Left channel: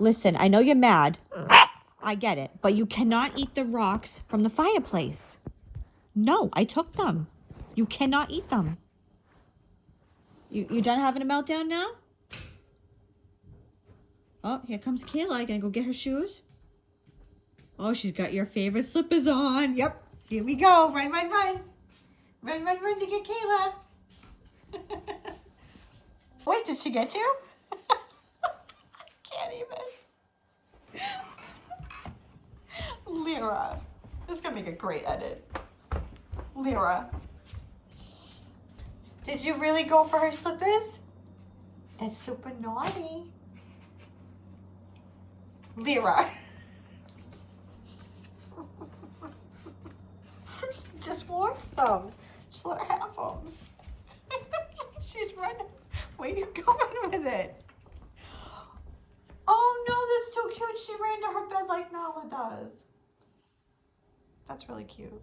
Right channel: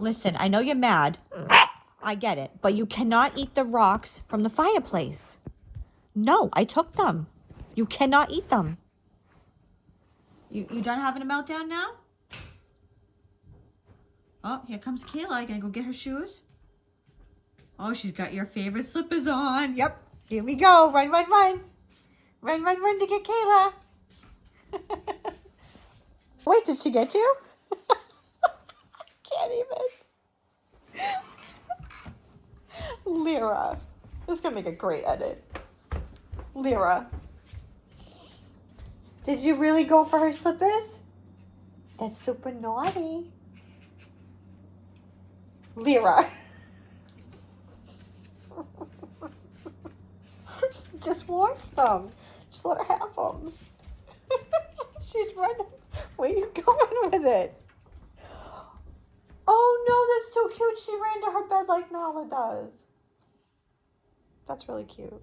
Listen, I know you're mad. I get it. But you cannot eat the rocks from the fireplace. No, I took them. You cannot eat them. You done having a meltdown now? Oh, here comes Kayla. Gonna go get her shoes. Oh, she's got your favorite slippers on. Yep. Here we go. Run, run, run. Run, run, run to get Kayla. Wait, did she get you? Can't even. Lyra. This is going to make a great edit. Lyra. Did you really go for her slippers? That's super naughty. Lyra. She just wants them. Just let her have them. She's running. Where you going with it? Oh no, that's too cute. She ran to her bed like Nala does. That's really cute.